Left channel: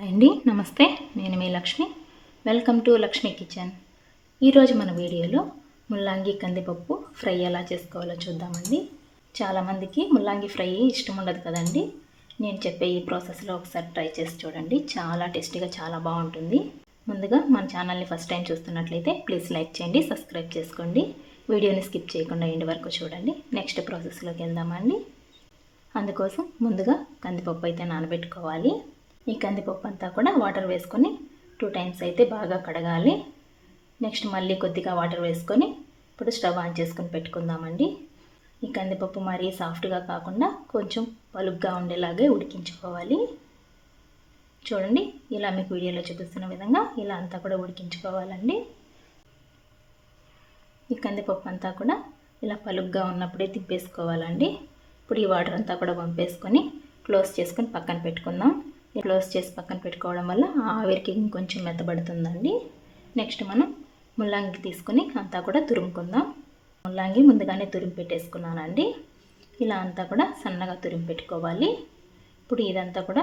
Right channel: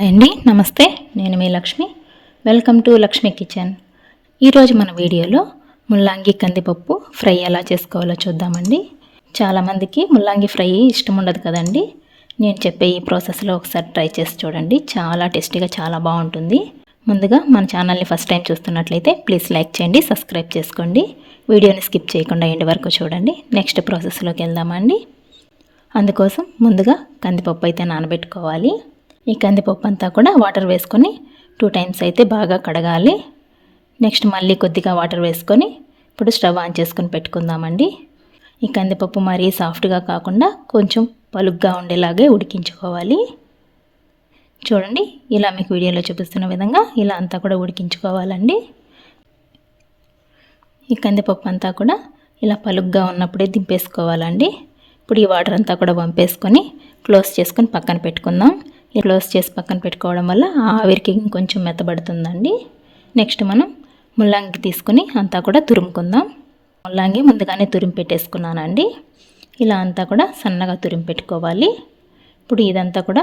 Hi అండి నమస్తే. నేను మీ Lakshmi. Welcome to Lakshmi kitchen. ఈరోజు మన వీడియోలో ముల్లాంగి కందిపప్పు ఫ్రై ఎలా చేసుకోవాలో చూద్దామండి. చాలామందికి ముల్లాంగి ఫ్రై ఇష్టం ఉండదు కదండి. నేను చెప్పే ఈ ప్రాసెస్లో ఒకసారి ట్రై చేసి చూడండి. చాలా టేస్టీగా చాలా బాగుంటుంది. ముందుగా మన ఛానల్ని ఫస్ట్ టైం చూస్తున్నట్లయితే ప్లీజ్ లైక్ చేయండి సబ్స్క్రైబ్ చేసుకోండి. వీడియోని స్కిప్ చేయకుండా ఎండి వరకు చూడండి. నెక్స్ట్ ప్రాసెస్లోకి వెళ్దామండి. అందుకోసం ముందుగా కందిపప్పు అయితే నానబెట్టుకోవాలి. ఈ కందిపప్పు అంతా కూడా వాటర్ వేసుకొని టూ టైమ్స్ అయితే బాగా కడగాలి. నెక్స్ట్ మళ్ళీ కొద్దిగా వాటర్ వేసుకొని ఇప్పుడు స్టవ్ ఆన్ చేసుకొని పెట్టుకుందామండి. ఈ కందిపప్పు మరీ సాఫ్ట్గా కాకుండా కొంచెం పలుగ్గా ఉండేలాగే ఉడికించుకోవాలి. చూడండి ఇలా మీకు వీడియోలో చూపిస్తున్న విధంగా ఇలా అంతా కూడా ఉడికించుకోవాలండి. ఈ కందిపప్పు అంతా కూడా ఇలా పలుగ్గా ఉన్నప్పుడే దింపేసుకోవాలండి. ఇప్పుడు ఈ వాటర్ అంతా కూడా పంపేసుకొని క్లోజ్ చేసుకొని పక్కన పెట్టుకుందాం. క్లోజ్ చేసి పక్కన పెట్టుకోవడం వల్ల ఆవిరికి ఇంకొంచెం మెత్తబడుతుందండి. నెక్స్ట్ మనం ముల్లంగి తీసుకుని అంతా కూడా తురుముకుందాం. ముల్లంగి ముందుగానే తురిమి పెట్టేసుకున్నానండి. ఇలా అంతా కూడా సన్నగా తురిమి పెట్టుకోవాలి. ఇప్పుడు ఇదంతా కూడా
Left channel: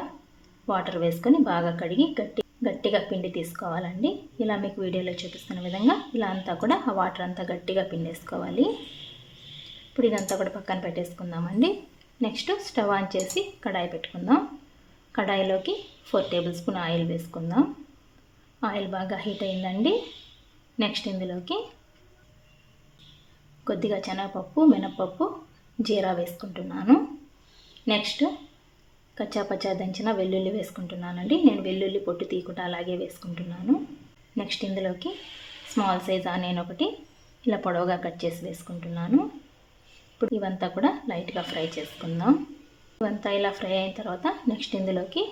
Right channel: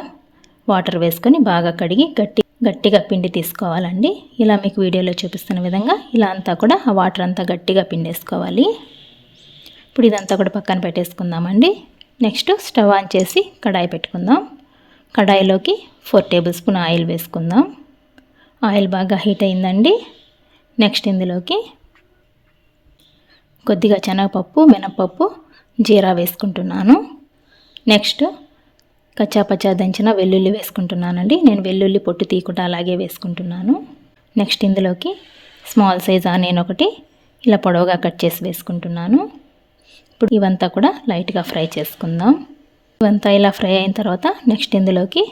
వాటర్ వేసుకొని బాగా కడిగి గట్టి గట్టిగా పిండి తీసుకోవాలండి. ఇలా మీకు వీడియోలో చూపిస్తున్న విధంగా ఇలా అంతా కూడా ఆ వాటర్ అంతా గట్టిగా పిండేసుకోవాలి. ఇప్పుడు ఇదంతా కూడా పక్కన పెట్టేసుకుందామండి. నెక్స్ట్ స్టవ్ ఆన్ చేసి కడాయి పెట్టుకుందాం. కడాయిలోకి ఫోర్ టేబుల్ స్పూన్ ఆయిల్ వేసుకుందాం. ఆయిల్ బాగా హీట్ అయిందండి. నెక్స్ట్ ఇందులోకి కొద్దిగా శనగపప్పు మినపప్పు జీరా వేసుకుంటున్నాను. నెక్స్ట్ కచ్చాపచ్చా దంచిన వెల్లుల్లి వేసుకుంటున్నానండి. నేను వెల్లుల్లి పొట్టు తీయకుండా అలాగే వేసుకుంటున్నాను. నెక్స్ట్ ఇందులోకి స్మాల్ సైజ్ ఆనియన్ ఒకటి ఇలా పొడవుగా కట్ చేసి వేసుకుంటున్నాను. ఇప్పుడు ఇవంతా కూడా లైట్గా ఫ్రై చేసుకుందాం. ఇవంతా ఇలా ఫ్రై అయిన తర్వాత నెక్స్ట్ ఇందులోకి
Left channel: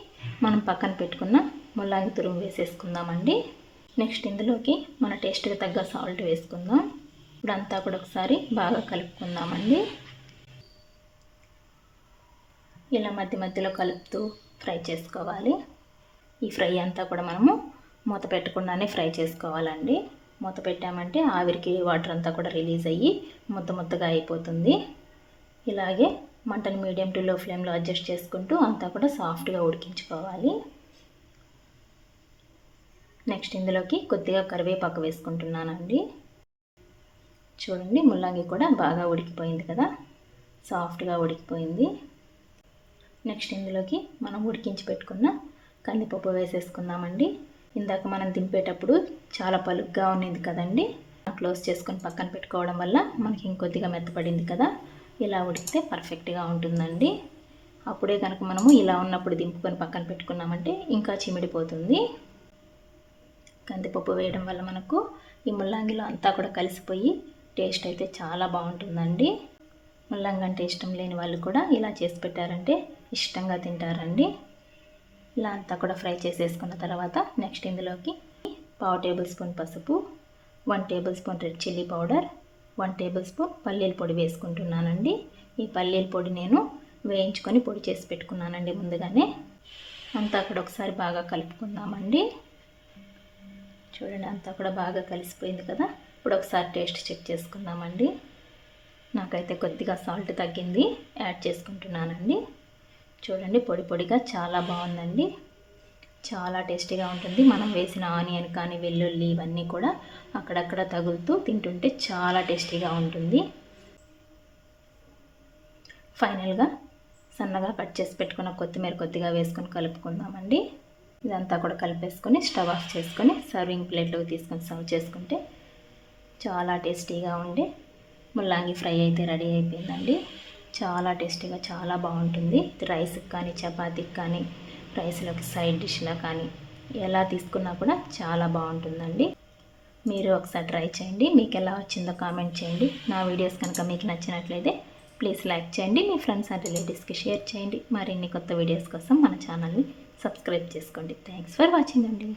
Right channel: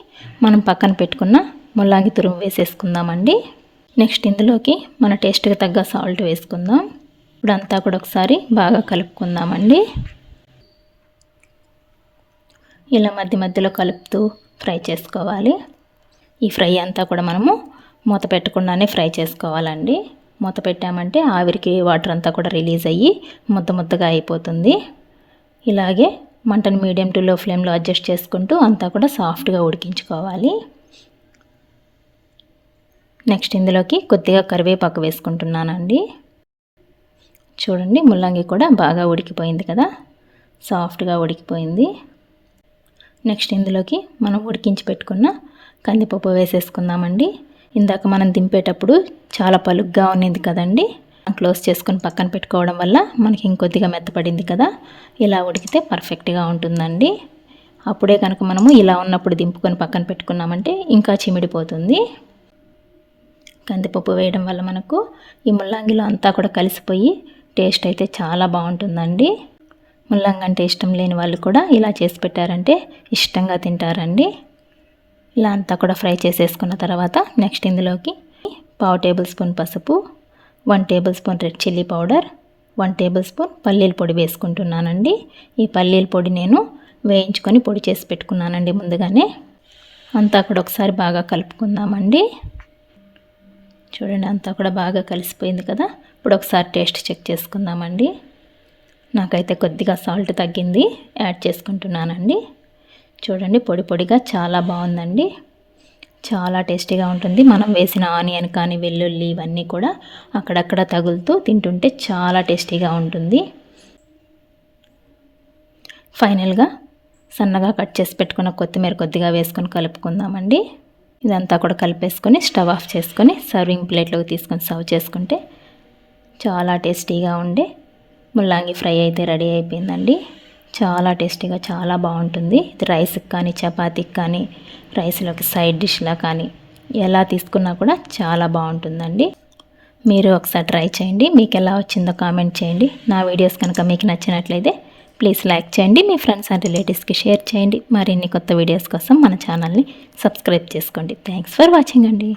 మనం పక్కన పెట్టుకున్న ముల్లాంగి తురుము వేసేసుకుందామండి. నెక్స్ట్ ఇందులోకి మన టేస్ట్కి తగ్గ సాల్ట్ వేసుకుందాం. ఇప్పుడు అంతా కూడా ఒకసారి బాగా కలుపుకుందామండి. ఇలా మధ్య మధ్యలో కలుపుతూ ఫ్రై చేసుకోవాలి. ఈ ఫ్రై అంతా కూడా మనము మూత పెట్టకుండానే ఫ్రై చేసుకోవాలండి. మూత పెట్టామంటే ఆవిరికి వాటర్ అంతా కూడా రిలీజ్ అయ్యి ముద్ద ముద్దగా అయిపోతుంది. ఇలాగే మంటను మీడియం టు లో ఫ్లేమ్లో అడ్జస్ట్ చేసుకుంటూ అంతా కూడా సాఫ్ట్గా ఉడికించుకోవాలి. నెక్స్ట్ ఇందులోకి కొద్దిగా కరివేపాకు వేసుకుంటున్నానండి. చూడండి ముల్లంగి కూడా బాగా ఉడికిపోయింది కదా? సాఫ్ట్గా ఉడికిపోయింది. నెక్స్ట్ ఇందులోకి మనం ఉడికించి పెట్టుకున్న కందిపప్పు వేసేసుకుందామండి. ఇందాక మనం దింపేటప్పుడు చాలా పలుగ్గా ఉన్నింది కదండి? క్లోజ్ చేసుకొని పక్కన పెట్టుకోవడం వల్ల మనకి ఇంకొద్దిగా మెత్తపడింది కదా. ఇలా ఉడికితే పర్ఫెక్ట్గా ఉంటుందండి. అప్పుడే కనుక మనము ఇలా ఉన్నప్పుడు దింపుకొని పక్కన పెట్టుకున్నామంటే ఇంకా చిమిడిపోతుంది. కందిపప్పు వేయడం వల్ల మనకు ఈ ముల్లంగిలో అంతా కూడా కలిసిపోయి టేస్ట్ అయితే చాలా బాగుంటుందండి. ముల్లంగి అంటే ఇష్టం లేని వాళ్ళు కూడా ఇలా చేసి పెట్టారంటే ఇష్టంగా తింటారండి. ఇలా అంతా కూడా ఫ్రై చేసేసుకున్న తర్వాత నెక్స్ట్ ఇందులోకి పావు టేబుల్ స్పూన్ పసుపు one table spoon red chilli powder one table spoon పల్లీల పొడి వేసుకుంటున్నానండి. ఈ పల్లీల పొడి నేను వేయించుకొని పొడి చేసి పెట్టుకున్నానండి ముందుగానే. అంతా కూడా ఒకసారి బాగా కలుపుకుందామండి. చూడండి అంతా కూడా బాగా కలిసిపోయింది కదా. ఇప్పుడు ఒకసారి టేస్ట్ చెక్ చేసుకుందామండి. నాకైతే కొద్దిగా సాల్ట్ తగ్గింది యాడ్ చేసుకుంటున్నానండి. చూడండి పొడి పొడిగా చాలా బాగుందండి. చాలా టేస్టీగా ఉంటుంది. మనం వేసిన ఆనియన్ కానీ వెల్లుల్లి ఇవన్నీ కూడా అక్కడక్కడ తగులుతూ తింటుంటే చాలా టేస్టీగా ఉంటుంది. ఫైనల్గా సన్నగా కట్ చేసి పెట్టుకున్న కొత్తిమీర కొద్దిగా వేసుకొని కలుపుకుందామండి. ఇదంతా కూడా కలిపేసుకొని స్టవ్ ఆఫ్ చేసుకొని సర్వింగ్ ప్లేట్లోకి తీసుకొని సర్వ్ చేసుకుంటే చాలా టేస్టీగా ఉండే ముల్లాంగి ఫ్రై అయితే రెడీ అయిపోయిందండి. చాలా టేస్టీగా చాలా బాగుంటుంది. ఇది రైస్కి కానీ చపాతీకి కానీ రైస్లోకి సైడ్ డిష్లా కానీ ఎలా తీసుకున్నా కూడా చాలా బాగుంటుందండి. మీరు ఒకసారి ట్రై చేయండి. మీకు ఎలా వచ్చిందో కామెంట్ చేయండి. నా వీడియోస్ కనుక మీకు నచ్చినట్లయితే ప్లీజ్ లైక్ చేయండి. మీ ఫ్రెండ్స్ అండ్ రిలేటివ్స్కి షేర్ చేయండి. మరిన్ని కొత్త వీడియోస్ కోసం మన ఛానల్ని సబ్స్క్రైబ్ చేసుకోండి. థ్యాంక్స్ ఫర్ వాచింగ్ అండి.